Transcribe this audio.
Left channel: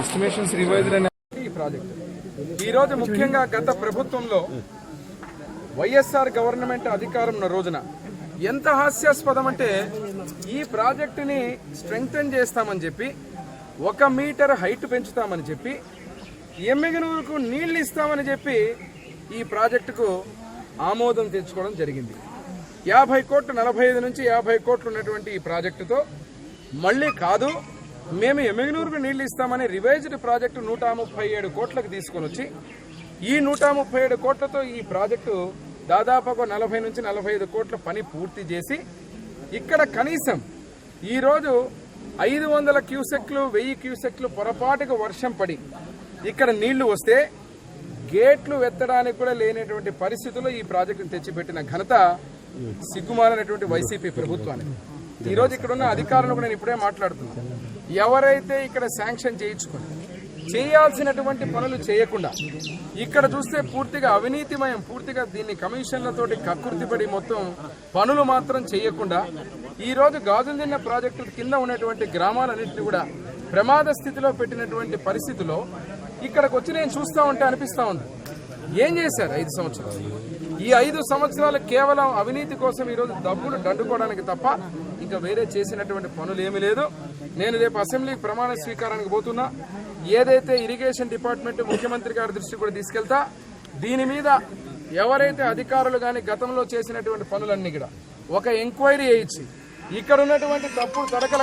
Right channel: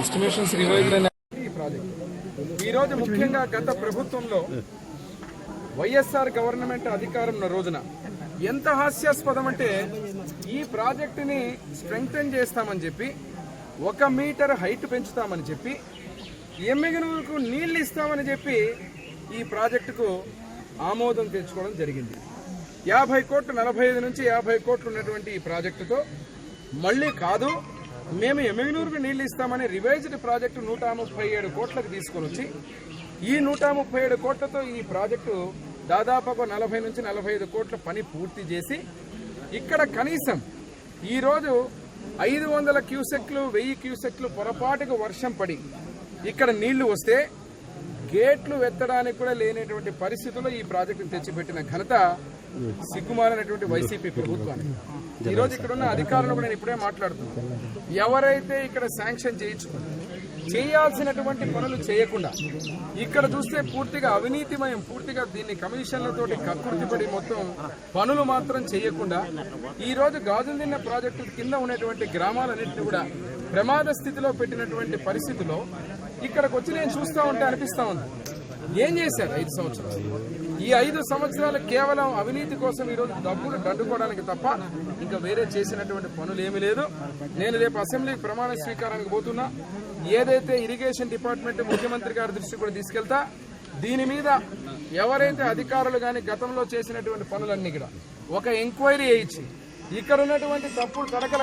Estimations revised ఈ project ఈరోజు ముఖ్యంగా గత ప్రభుత్వంలో వైఎస్ఆర్ గవర్నమెంట్ అధికారం ఉన్న రోజున ఎంత హాస్యాస్పదం అంటే ఈ ప్రాజెక్టుని స్ట్రెంగ్తన్ చేస్తామని చెప్పి 1 మీటర్ హైట్ పెంచుతామని చెప్పి ఎమ్మిగనూరుకు నీళ్లు ఇస్తామని చెప్పి ఈ ప్రాజెక్టుకు ఆమోదం తెచ్చుకోవడం జరిగింది. 50 కోట్లు 45 నుంచి 50 కోట్లు ఉన్నటువంటి ఈ ప్రాజెక్టుతో మళ్ళీ కాదు మేము ఎమ్మిగనూరుకు నీళ్లు ఇస్తామని రివైజ్డ్ ప్రాజెక్టు 137 కోట్లకు తీసుకొని వచ్చి ఈ 137 కోట్లతో ఈ ప్రాజెక్టు దాదాపుగా 40 నుంచి 45 కోట్ల పని పూర్తి చేసి ఇక్కడ కనీసం ఈరోజు 500 క్యూసెక్లు 1000 క్యూసెక్లు పొరపాటుగా వర్షం పడి ఇక్కడ నీళ్లు వస్తే గేట్లు ఎత్తడానికి కూడా లేనటువంటి పరిస్థితుల్లో ఈ ప్రాజెక్టును తెచ్చిపెట్టిన ఘనత సిగ్గుమాలినటువంటి వైసీపీ ప్రభుత్వానికి. ఈరోజు ఇక్కడ ఉన్న అధికారులు కూడా నేను ఇప్పుడే మాట్లాడుతున్నాను. ఎవరైతే ఇక్కడ శాంక్షన్ చేయించుకుని చేయాల్సినటువంటి పనులు చేయకుండా ఇక్కడ చూస్తే పూర్తిగా అవినీతిమయం, పూర్తిగా దీన్ని కమిషన్లతోటి కక్కుర్తిపడి మొత్తం పనులు మాత్రం చేయకుండా ఈరోజు గాజుల్దిన్న ప్రాజెక్టు కింద ఉన్నటువంటి గ్రామాలన్నింటినీ కూడా ప్రమాద స్థితిలో పెట్టినటువంటి పరిస్థితిలో ఇక్కడికి వచ్చి నేను చూస్తూ ఉంటే అనిపిస్తూ ఉంది ఏం చేశారు 5 సంవత్సరాలు. ఈ 5 సంవత్సరాలు కేవలం అవినీతి కోసం ఈరోజు డబ్బులు దండుకోవడానికి తప్ప ఇంకా వేరే చేసినటువంటి పనులు ఏమీ లేదు. నేను రేపు అసెంబ్లీకి ప్రమాణ స్వీకారానికి పోతున్నా. ఏదైతే ఇరిగేషన్ డిపార్ట్మెంట్ ముఖ్యమంత్రి గారి దృష్టి కూడా తీసుకెళ్తా దీని మీద ఎవరైతే అధికారులు కానీ గతంలో చేసినటువంటి పనులన్నీ కూడా ఒక ఎంక్వైరీ చేయించి ఇక్కడ ఉన్నటువంటి తప్పుడు తడకల